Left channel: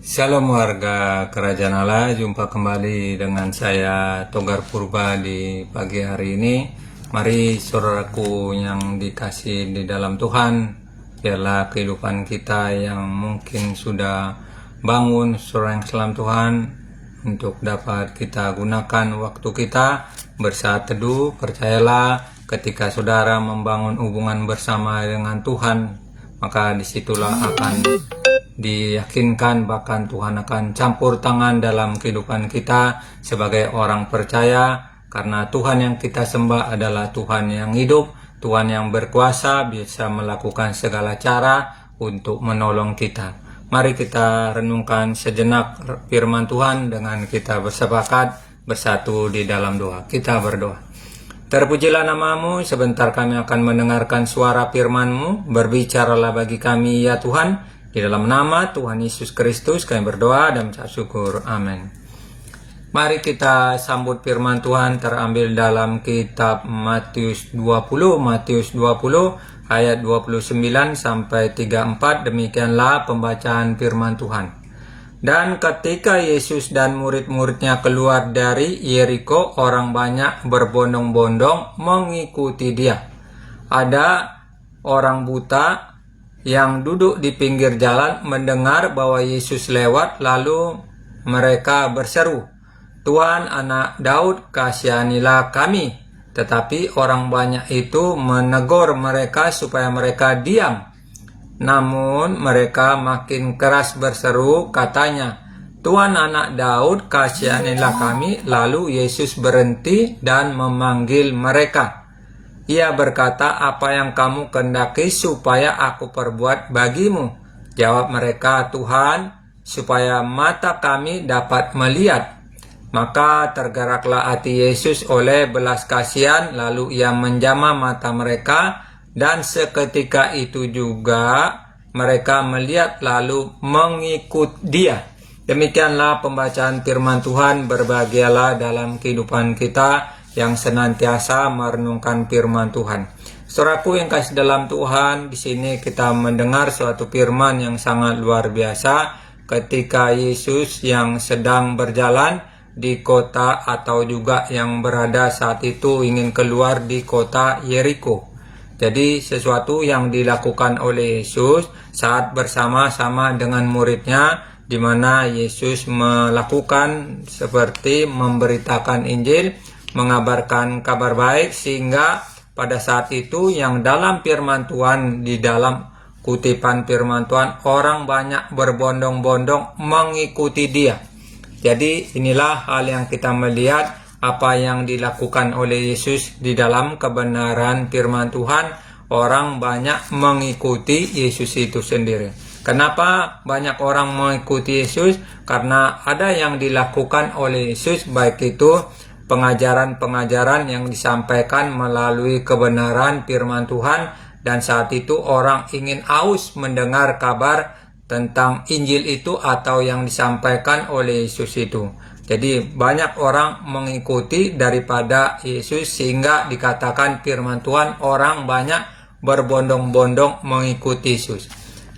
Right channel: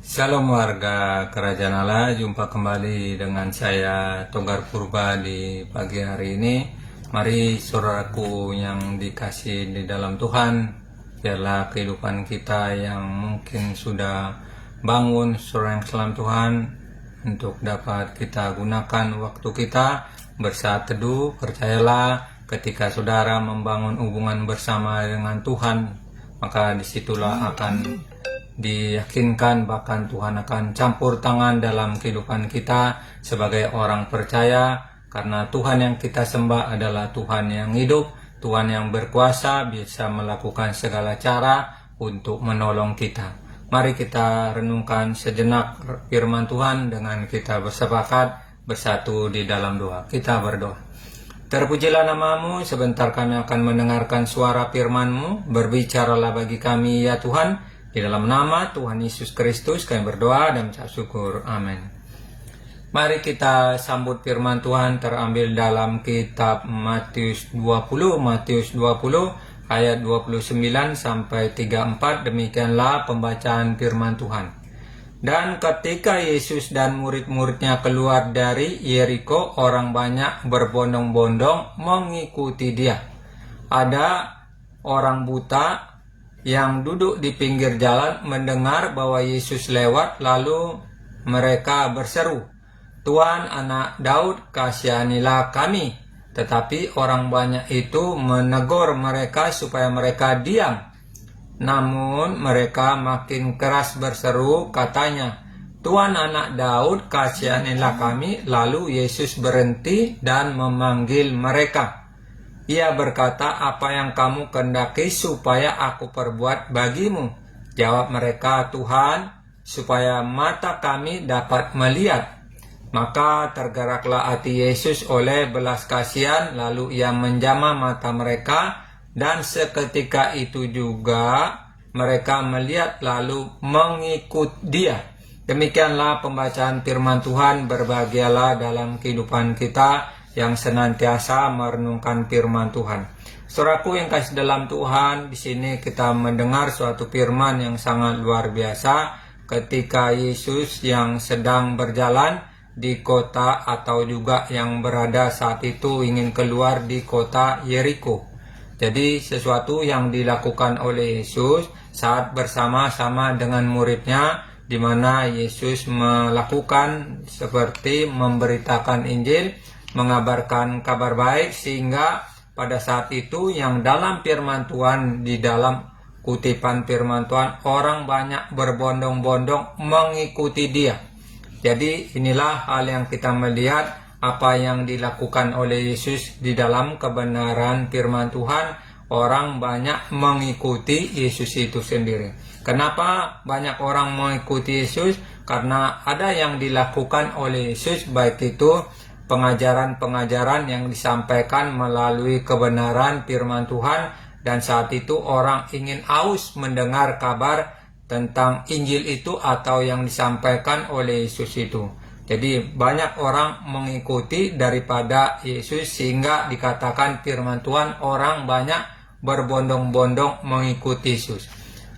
Shalom warga Kerajaan Allah, jumpa kembali dengan saya Togar Purba di pagi hari ini. Mari saudaraku yang dikasih di dalam Tuhan, biarlah kehidupan kita yang mungkin sudah bangun, saudara yang salam Tuhan, untuk dapat kita gunakan waktu kita bersaat teduh. Percayalah ketika saudara membangun hubungan bersama dengan Tuhan, maka disitulah akan diyakinkan bahkan Tuhan akan campur tangan dalam kehidupan kita sebagai orang percaya, karena Tuhan yang kita sembah adalah Tuhan yang hidup, Tuhan yang berkuasa, bisa melakukan segala cara untuk menolong kita. Mari kita renungkan sejenak firman Tuhan dengan kita bersepakat bersatu di dalam doa. Kita berdoa. Terpujilah namamu, sebentar kami akan mendengarkan suara firman-Mu, berbicaralah bagi kami ya Tuhan. Di dalam nama Tuhan Yesus Kristus kami berdoa dan mengucap syukur. Amin. Mari kita sambut firman Tuhan terambil dalam kitab Matius 20 ayat 29 sampai 34. Demikianlah pembacaan firman Tuhan. Dan ketika Yesus dan murid-muridnya keluar dari Yeriko, orang banyak berbondong-bondong mengikuti Dia. Ada orang buta yang duduk di pinggir jalan mendengar bahwa Yesus lewat, lalu mereka berseru, "Tuhan, Anak Daud, kasihanilah kami." Tetapi orang banyak itu menegur mereka supaya mereka diam. Namun mereka makin keras berseru, katanya, "Tuhan, Anak Daud, kasihanilah kami." Lalu Yesus berhenti dan memanggil mereka. Ia berkata, "Apa yang kamu kehendaki supaya aku perbuat bagimu?" Jawab mereka, "Tuhan, supaya mata kami dapat melihat." Maka tergeraklah hati Yesus oleh belas kasihan, lalu ia menjamah mata mereka, dan seketika itu juga mereka melihat lalu mengikut Dia. Demikianlah pembacaan firman Tuhan. Berbahagialah dalam kehidupan kita yang senantiasa merenungkan firman Tuhan. Saudaraku yang kasih dalam Tuhan, di sini kita mendengar suatu firman yang sangat luar biasa ketika Yesus yang sedang berjalan di kota atau juga yang berada saat itu ingin keluar di kota Yeriko. Jadi sesuatu yang dilakukan oleh Yesus saat bersama-sama dengan muridnya, di mana Yesus melakukan seperti memberitakan Injil, mengabarkan kabar baik, sehingga pada saat itu yang dalam firman Tuhan, di dalam kutipan firman Tuhan, orang banyak berbondong-bondong mengikuti Dia. Jadi inilah hal yang kita melihat apa yang dilakukan oleh Yesus di dalam kebenaran firman Tuhan. Orang banyak mengikuti Yesus itu sendiri. Kenapa banyak orang mengikuti Yesus? Karena ada yang dilakukan oleh Yesus, baik itu pengajaran-pengajaran yang disampaikan melalui kebenaran firman Tuhan, dan saat itu orang ingin haus mendengar kabar tentang Injil itu atau yang disampaikan oleh Yesus itu. Jadi banyak orang mengikuti daripada Yesus, sehingga dikatakan firman Tuhan orang banyak berbondong-bondong mengikuti Yesus.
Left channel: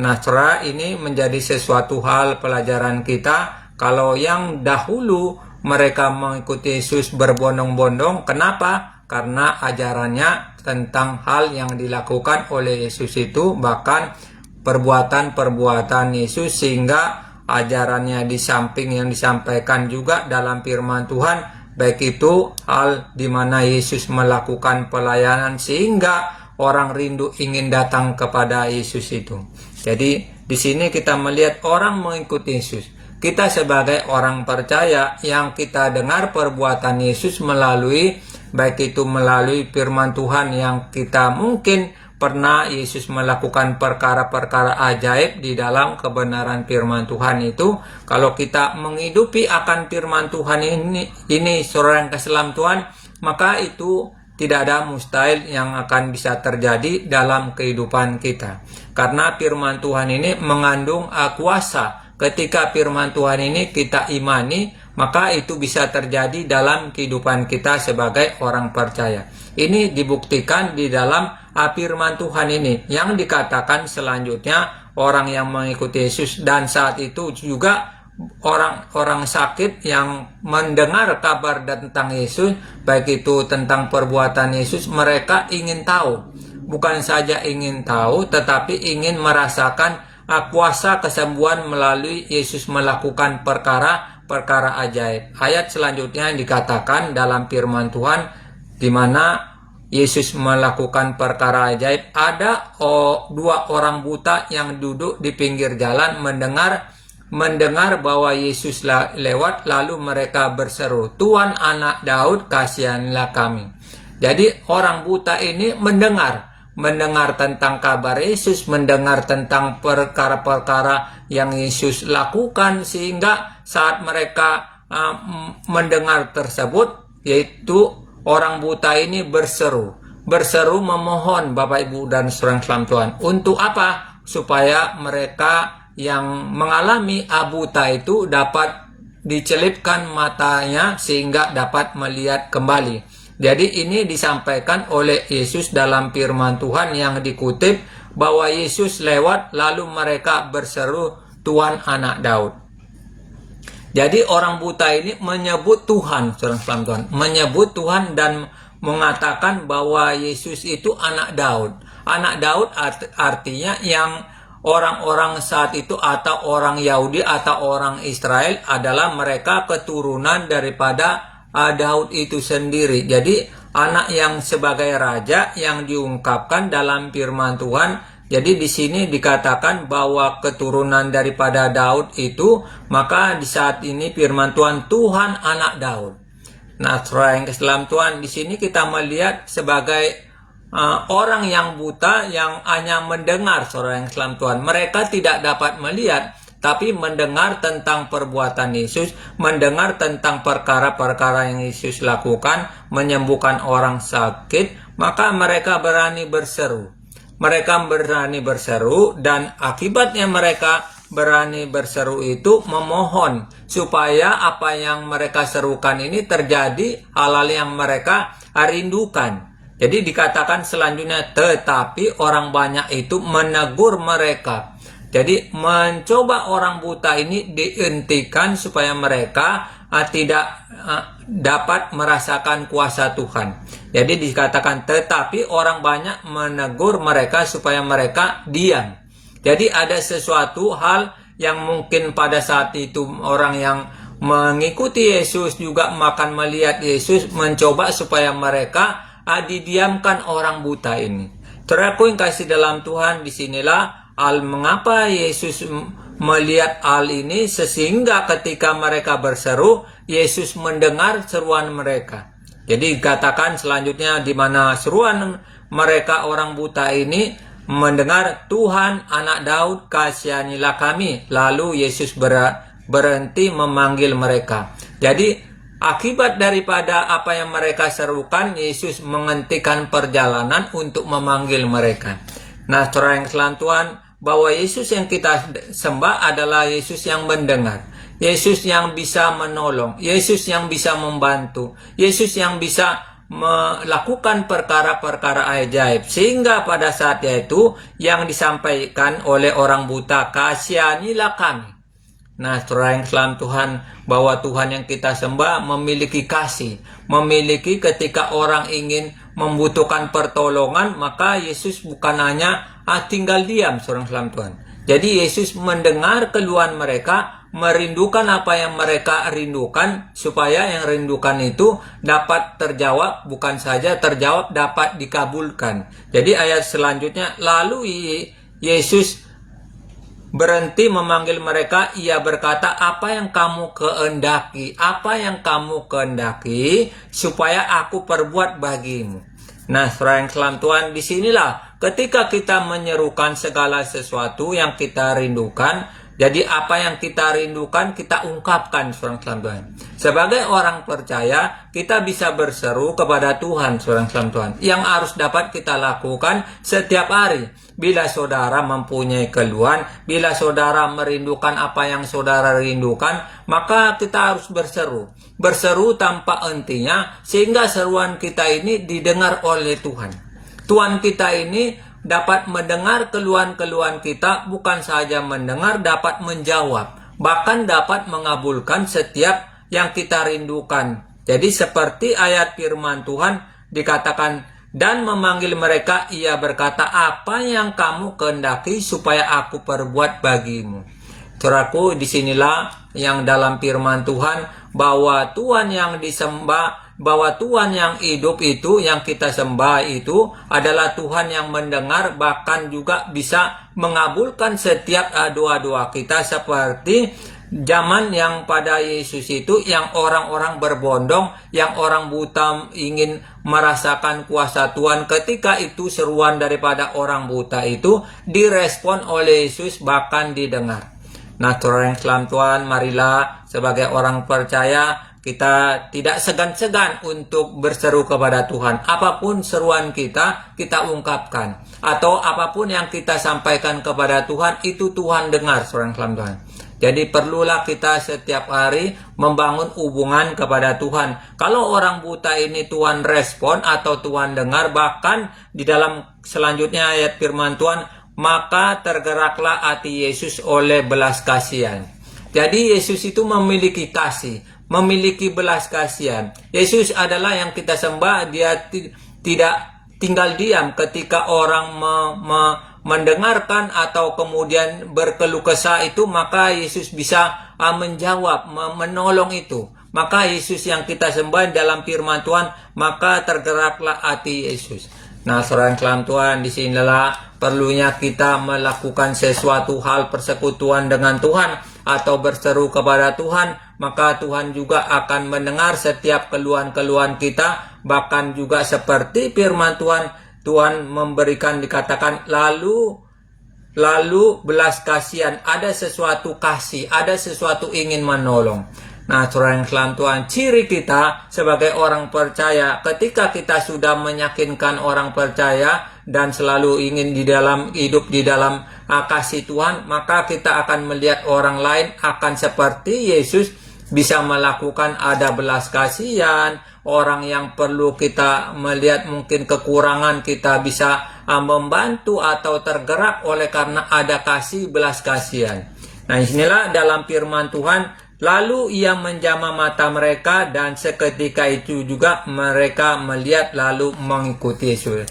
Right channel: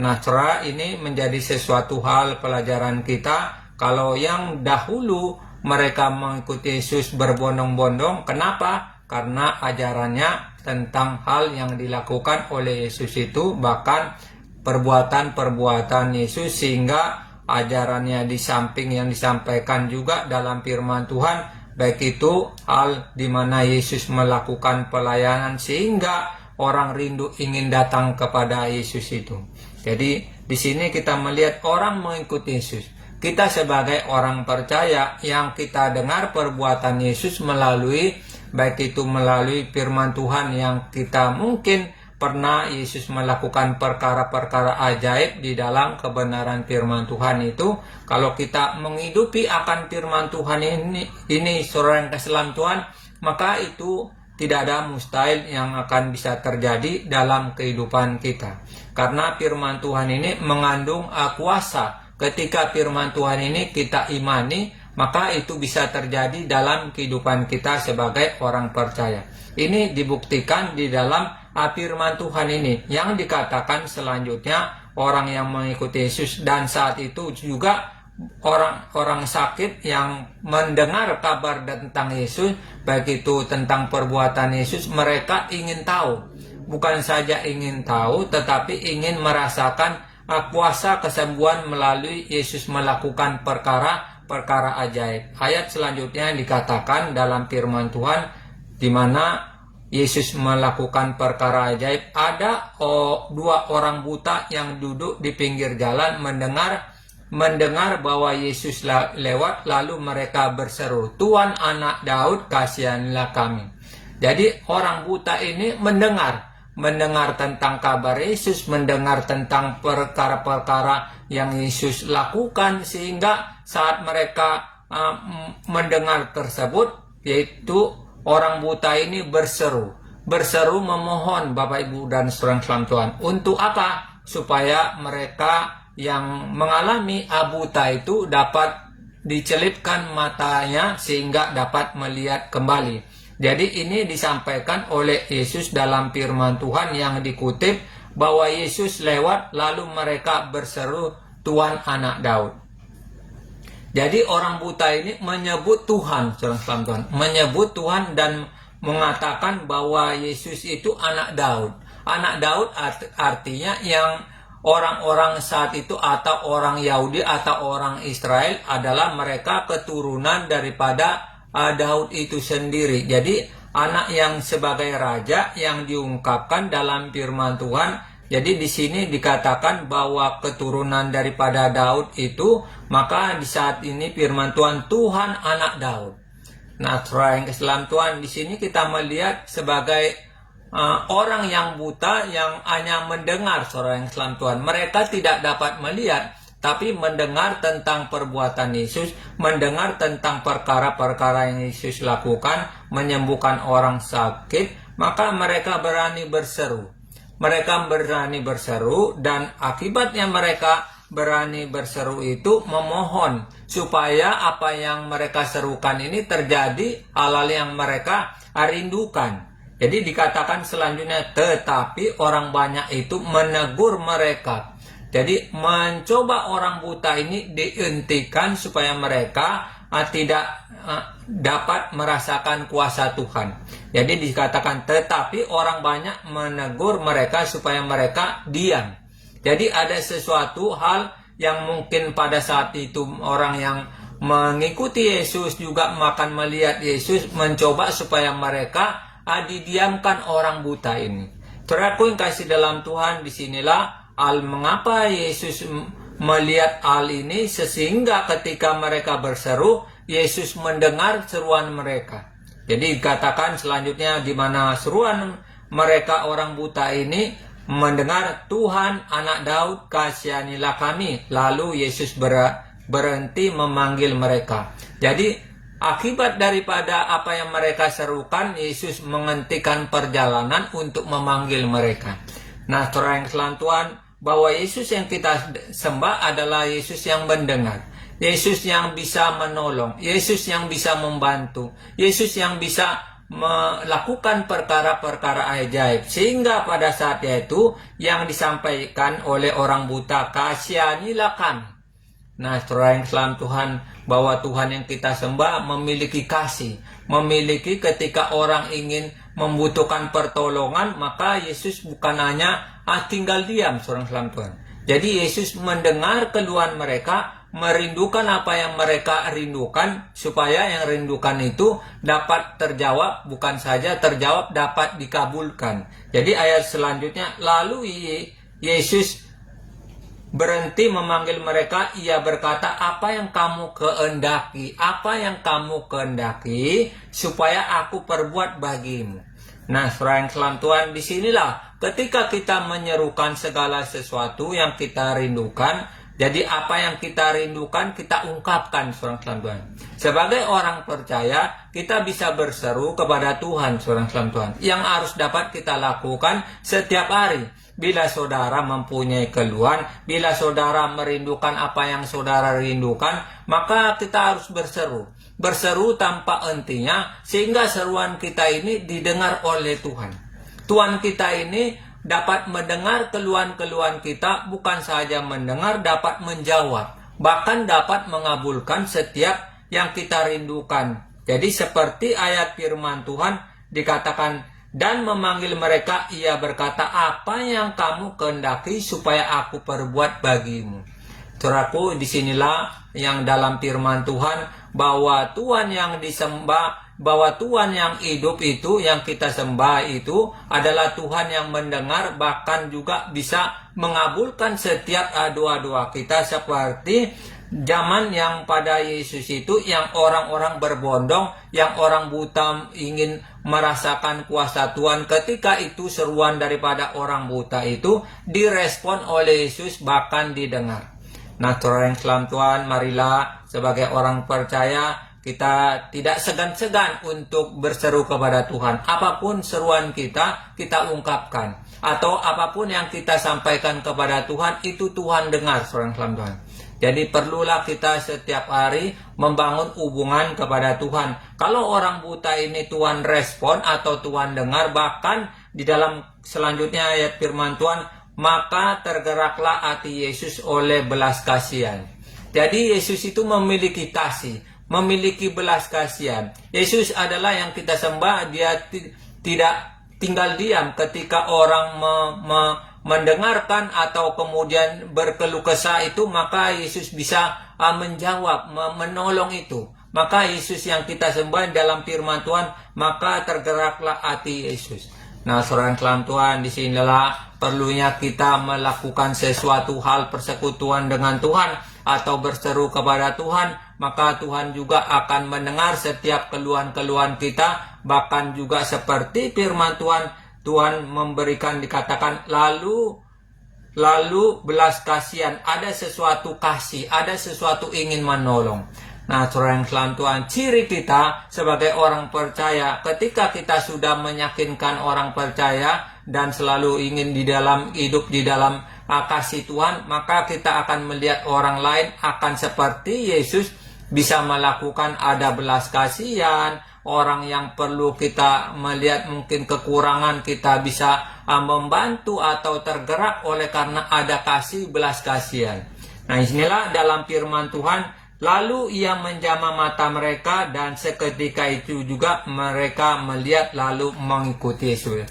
Nah, saudara, ini menjadi sesuatu hal pelajaran kita. Kalau yang dahulu mereka mengikuti Yesus berbondong-bondong, kenapa? Karena ajarannya tentang hal yang dilakukan oleh Yesus itu, bahkan perbuatan-perbuatan Yesus, sehingga ajarannya di samping yang disampaikan juga dalam firman Tuhan, baik itu hal di mana Yesus melakukan pelayanan sehingga orang rindu ingin datang kepada Yesus itu. Jadi di sini kita melihat orang mengikuti Yesus. Kita sebagai orang percaya yang kita dengar perbuatan Yesus melalui, baik itu melalui firman Tuhan yang kita mungkin pernah Yesus melakukan perkara-perkara ajaib di dalam kebenaran firman Tuhan itu. Kalau kita menghidupi akan firman Tuhan ini saudara yang kasih dalam Tuhan, maka itu tidak ada mustahil yang akan bisa terjadi dalam kehidupan kita. Karena firman Tuhan ini mengandung kuasa. Ketika firman Tuhan ini kita imani, maka itu bisa terjadi dalam kehidupan kita sebagai orang percaya. Ini dibuktikan di dalam firman Tuhan ini, yang dikatakan selanjutnya orang yang mengikuti Yesus, dan saat itu juga orang-orang sakit yang mendengar kabar tentang Yesus, baik itu tentang perbuatan Yesus, mereka ingin tahu. Bukan saja ingin tahu, tetapi ingin merasakan kuasa kesembuhan melalui Yesus melakukan perkara ajaib. Ayat selanjutnya dikatakan dalam firman Tuhan, di mana Yesus melakukan perkara ajaib. Ada dua orang buta yang duduk di pinggir jalan mendengar bahwa Yesus lewat, lalu mereka berseru, "Tuhan, Anak Daud, kasihanilah kami." Jadi orang buta ini mendengar tentang kabar Yesus, mendengar tentang perkara-perkara yang Yesus lakukan, sehingga saat mereka mendengar tersebut, yaitu orang buta ini berseru memohon Bapak Ibu dan saudara dalam Tuhan. Untuk apa? Supaya mereka yang mengalami buta itu dapat dicelipkan matanya sehingga dapat melihat kembali. Jadi ini disampaikan oleh Yesus dalam firman Tuhan yang dikutip, bahwa Yesus lewat lalu mereka berseru, "Tuhan, Anak Daud." Jadi orang buta ini menyebut Tuhan, menyebut Tuhan dan mengatakan bahwa Yesus itu Anak Daud. Anak Daud artinya yang orang-orang saat itu atau orang Yahudi atau orang Israel adalah mereka keturunan daripada Daud itu sendiri. Jadi anak yang sebagai raja yang diungkapkan dalam firman Tuhan. Jadi di sini dikatakan bahwa keturunan daripada Daud itu, maka di saat ini firman Tuhan, Tuhan Anak Daud. Nah, saudara yang dalam Tuhan, di sini kita melihat sebagai orang yang buta yang hanya mendengar, saudara yang dalam Tuhan. Mereka tidak dapat melihat, tapi mendengar tentang perbuatan Yesus, mendengar tentang perkara-perkara yang Yesus lakukan, menyembuhkan orang sakit, maka mereka berani berseru. Mereka berani berseru, dan akibatnya mereka berani berseru itu memohon supaya apa yang mereka serukan ini terjadi, hal-hal yang mereka rindukan. Jadi dikatakan selanjutnya, tetapi orang banyak itu menegur mereka. Jadi mencoba orang buta ini dihentikan supaya mereka tidak dapat merasakan kuasa Tuhan. Jadi dikatakan, tetapi orang banyak menegur mereka supaya mereka diam. Jadi ada sesuatu hal yang mungkin pada saat itu orang yang mengikuti Yesus juga akan melihat Yesus, mencoba supaya mereka didiamkan orang buta ini. Saudaraku yang kasih dalam Tuhan, disinilah mengapa Yesus melihat hal ini, sehingga ketika mereka berseru, Yesus mendengar seruan mereka. Jadi dikatakan selanjutnya, di mana seruan mereka orang buta ini mendengar, "Tuhan, Anak Daud, kasihanilah kami." Lalu Yesus berhenti memanggil mereka. Jadi akibat daripada apa yang mereka serukan, Yesus menghentikan perjalanan untuk memanggil mereka. Nah, saudara yang dalam Tuhan, bahwa Yesus yang kita sembah adalah Yesus yang mendengar, Yesus yang bisa menolong, Yesus yang bisa membantu, Yesus yang bisa melakukan perkara-perkara ajaib, sehingga pada saat itu yang disampaikan oleh orang buta, "Kasihanilah kami." Nah, saudara yang dalam Tuhan, bahwa Tuhan yang kita sembah memiliki kasih, memiliki ketika orang ingin membutuhkan pertolongan, maka Yesus bukan hanya tinggal diam, saudara dalam Tuhan. Jadi Yesus mendengar keluhan mereka, merindukan apa yang mereka rindukan, supaya yang rindukan itu dapat terjawab, bukan saja terjawab, dapat dikabulkan. Jadi ayat selanjutnya, lalu Yesus berhenti memanggil mereka, ia berkata, "Apa yang kamu kehendaki? Apa yang kamu kehendaki supaya aku perbuat bagimu?" Nah, saudara yang dalam Tuhan, disinilah ketika kita menyerukan segala sesuatu yang kita rindukan. Jadi apa yang kita rindukan kita ungkapkan, saudara dalam Tuhan. Sebagai orang percaya, kita bisa berseru kepada Tuhan, saudara dalam Tuhan, yang harus dapat kita lakukan setiap hari. Bila saudara mempunyai keluhan, bila saudara merindukan apa yang saudara rindukan, maka kita harus berseru. Berseru tanpa hentinya, sehingga seruan kita ini didengar oleh Tuhan. Tuhan kita ini dapat mendengar keluhan-keluhan kita, bukan saja mendengar, dapat menjawab, bahkan dapat mengabulkan setiap yang kita rindukan. Jadi seperti ayat firman Tuhan dikatakan, dan memanggil mereka, ia berkata, apa yang kamu kehendaki supaya aku perbuat bagimu. Saudaraku, disinilah yang dalam firman Tuhan, bahwa Tuhan yang disembah, bahwa Tuhan yang hidup itu, yang kita sembah itu adalah Tuhan yang mendengar, bahkan juga bisa mengabulkan setiap doa-doa kita, seperti zaman yang pada Yesus itu, yang orang-orang berbondong, yang orang buta ingin merasakan kuasa Tuhan. Ketika itu seruan daripada orang buta itu direspon oleh Yesus, bahkan didengar. Nah, saudara yang selam Tuhan, marilah sebagai orang percaya kita tidak segan-segan untuk berseru kepada Tuhan. Apapun seruan kita, kita ungkapkan. Atau apapun yang kita sampaikan kepada Tuhan, itu Tuhan dengar, saudara yang selam Tuhan. Jadi perlulah kita setiap hari membangun hubungan kepada Tuhan. Kalau orang buta ini Tuhan respon atau Tuhan dengar, bahkan di dalam selanjutnya ayat firman Tuhan, maka tergeraklah hati Yesus oleh belas kasihan. Jadi Yesus itu memiliki kasih, memiliki belas kasihan. Yesus adalah yang kita sembah, dia tidak tinggal diam ketika orang mendengarkan atau kemudian berkeluh kesah itu, maka Yesus bisa menjawab, menolong itu. Maka Yesus yang kita sembah dalam firman Tuhan, maka tergeraklah hati Yesus. Nah, saudara yang Tuhan, disinilah perlunya kita melakukan sesuatu hal persekutuan dengan Tuhan atau berseru kepada Tuhan, maka Tuhan juga akan mendengar setiap keluhan-keluhan kita. Bahkan juga seperti firman Tuhan, Tuhan memberikan, dikatakan lalu belas kasihan, ada sesuatu kasih, ada sesuatu ingin menolong. Nah, saudara yang selam Tuhan, ciri kita sebagai orang percaya, ketika kita sudah meyakinkan orang percaya dan selalu ingin hidup di dalam kasih Tuhan, maka kita akan melihat orang lain akan seperti Yesus, bisa melakukan ada belas kasihan. Orang yang perlu kita melihat mungkin kekurangan, kita bisa membantu atau tergerak oleh karena ada kasih, belas kasihan. Nah, inilah dalam firman Tuhan, lalu ia menjamah mata mereka, dan seketika itu juga mereka melihat lalu mengikuti Yesus.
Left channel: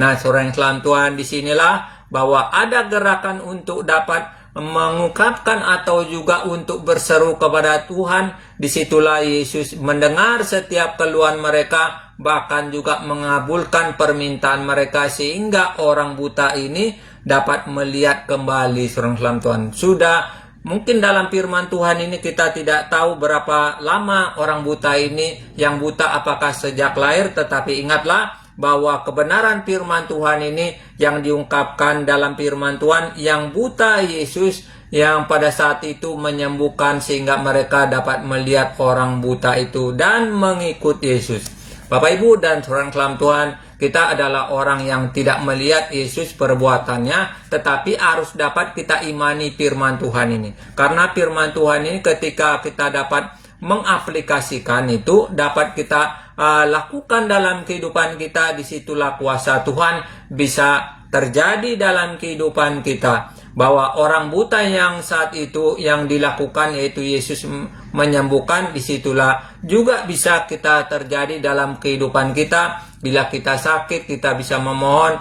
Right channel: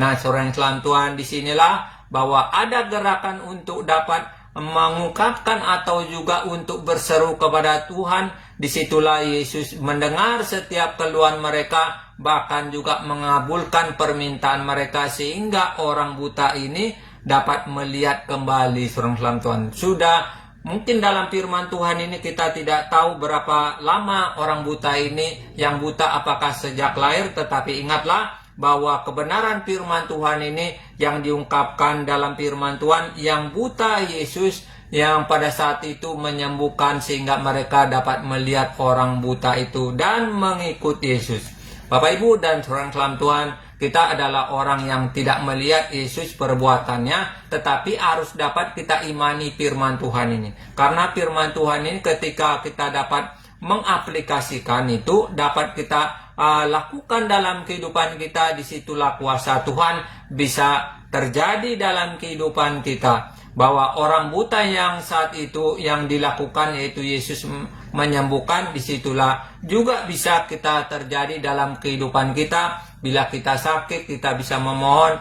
Nah, saudara yang selam Tuhan, disinilah bahwa ada gerakan untuk dapat mengungkapkan atau juga untuk berseru kepada Tuhan. Disitulah Yesus mendengar setiap keluhan mereka, bahkan juga mengabulkan permintaan mereka, sehingga orang buta ini dapat melihat kembali. Saudara yang selam Tuhan, sudah mungkin dalam firman Tuhan ini kita tidak tahu berapa lama orang buta ini yang buta, apakah sejak lahir, tetapi ingatlah bahwa kebenaran firman Tuhan ini yang diungkapkan dalam firman Tuhan, yang buta Yesus yang pada saat itu menyembuhkan, sehingga mereka dapat melihat orang buta itu dan mengikut Yesus. Bapak Ibu dan saudara selam Tuhan, kita adalah orang yang tidak melihat Yesus perbuatannya, tetapi harus dapat kita imani firman Tuhan ini. Karena firman Tuhan ini ketika kita dapat mengaplikasikan itu, dapat kita lakukan dalam kehidupan kita, disitulah kuasa Tuhan bisa terjadi dalam kehidupan kita. Bahwa orang buta yang saat itu yang dilakukan, yaitu Yesus menyembuhkan, disitulah juga bisa kita terjadi dalam kehidupan kita. Bila kita sakit, kita bisa memohon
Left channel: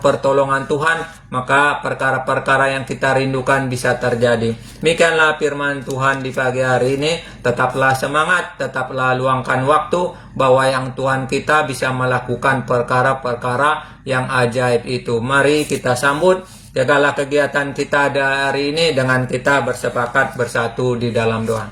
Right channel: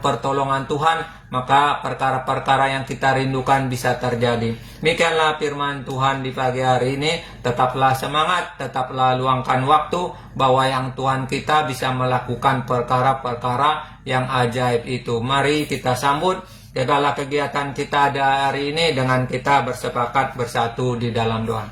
pertolongan Tuhan, maka perkara-perkara yang kita rindukan bisa terjadi. Demikianlah firman Tuhan di pagi hari ini. Tetaplah semangat, tetaplah luangkan waktu, bahwa yang Tuhan kita bisa melakukan perkara-perkara yang ajaib itu. Mari kita sambut, jagalah kegiatan kita hari ini dengan kita bersepakat bersatu di dalam doa.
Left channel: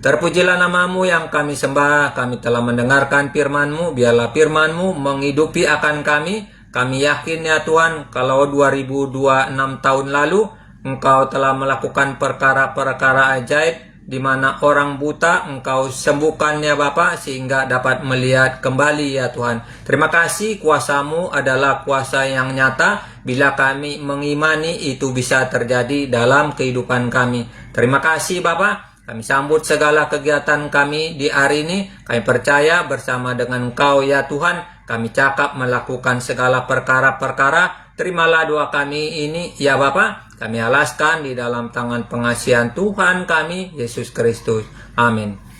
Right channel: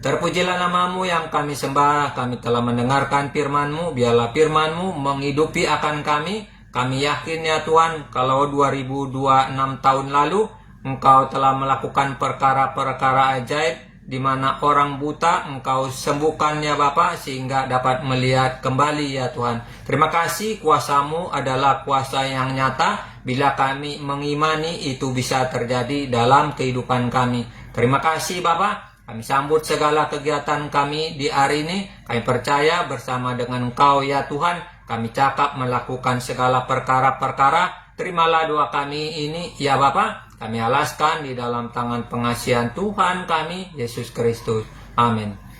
Terpujilah namamu yang kami sembah, kami telah mendengarkan firman-Mu, biarlah firman-Mu menghidupi akan kami. Kami yakin ya Tuhan, kalau 2026 tahun lalu Engkau telah melakukan perkara-perkara ajaib, di mana orang buta Engkau sembuhkan ya Bapa, sehingga dapat melihat kembali ya Tuhan. Terima kasih, kuasa-Mu adalah kuasa yang nyata. Bila kami mengimani, itu bisa terjadi dalam kehidupan kami. Terima kasih Bapa. Kami sambut segala kegiatan kami di hari ini. Kami percaya bersama dengan Engkau ya Tuhan, kami cakap melakukan segala perkara-perkara. Terimalah doa kami ini, ya Bapa. Kami alaskan di dalam tangan pengasihan Tuhan kami, Yesus Kristus. Amin.